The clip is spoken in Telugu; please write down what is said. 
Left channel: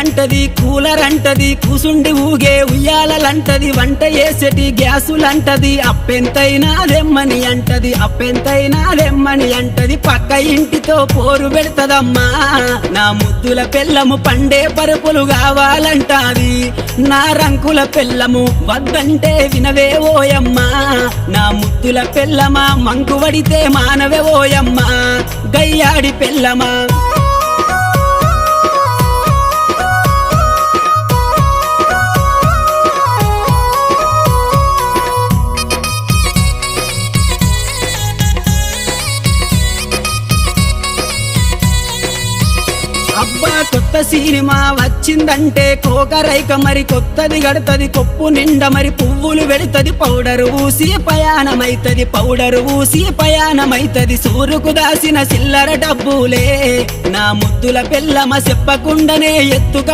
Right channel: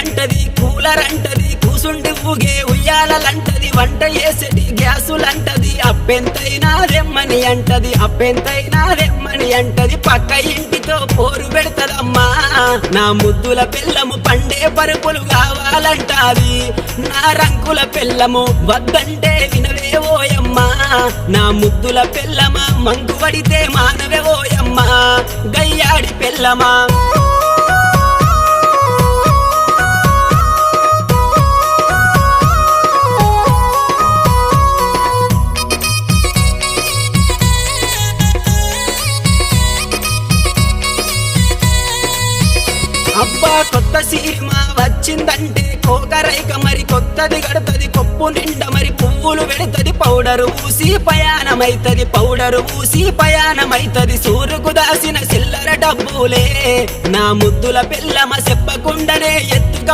అంటది, కూలర్ అంటది, కూసుండి ఊగే ఉయ్యాలంటది, వంట చేసేటి గ్యాసులంటది, అప్పెంతైనా దెమ్మని అంటది, అప్పెంతైనా దెమ్మని అంటది. పక్క ఇంటితో పోరు పెడతదమ్మా నా ముద్దుల పెళ్ళము, పండే పరుపులు కావాలంటాది నా రంకుల పెళ్ళము, వద్దంటే వినవే ఓయమ్మా నా ముద్దుల పెళ్ళమా, మంకు వడితే మానవే ఓయమ్మా గయ్యాడి పెళ్ళమా. అబ్బా కొత్త సినిమా వచ్చిందంటే కోకరైక మరి కొత్తది గడతది, కొప్పు నిండా మరి పువ్వులు పెడతది, పౌడరు ఊసి పయానమైతది, పౌడరు ఊసి పయానమైతది. సూరుకు దాసిన చిల్లర డబ్బులే నా ముద్దుల పెళ్ళమ, చెప్పకుండానే ఎత్తుక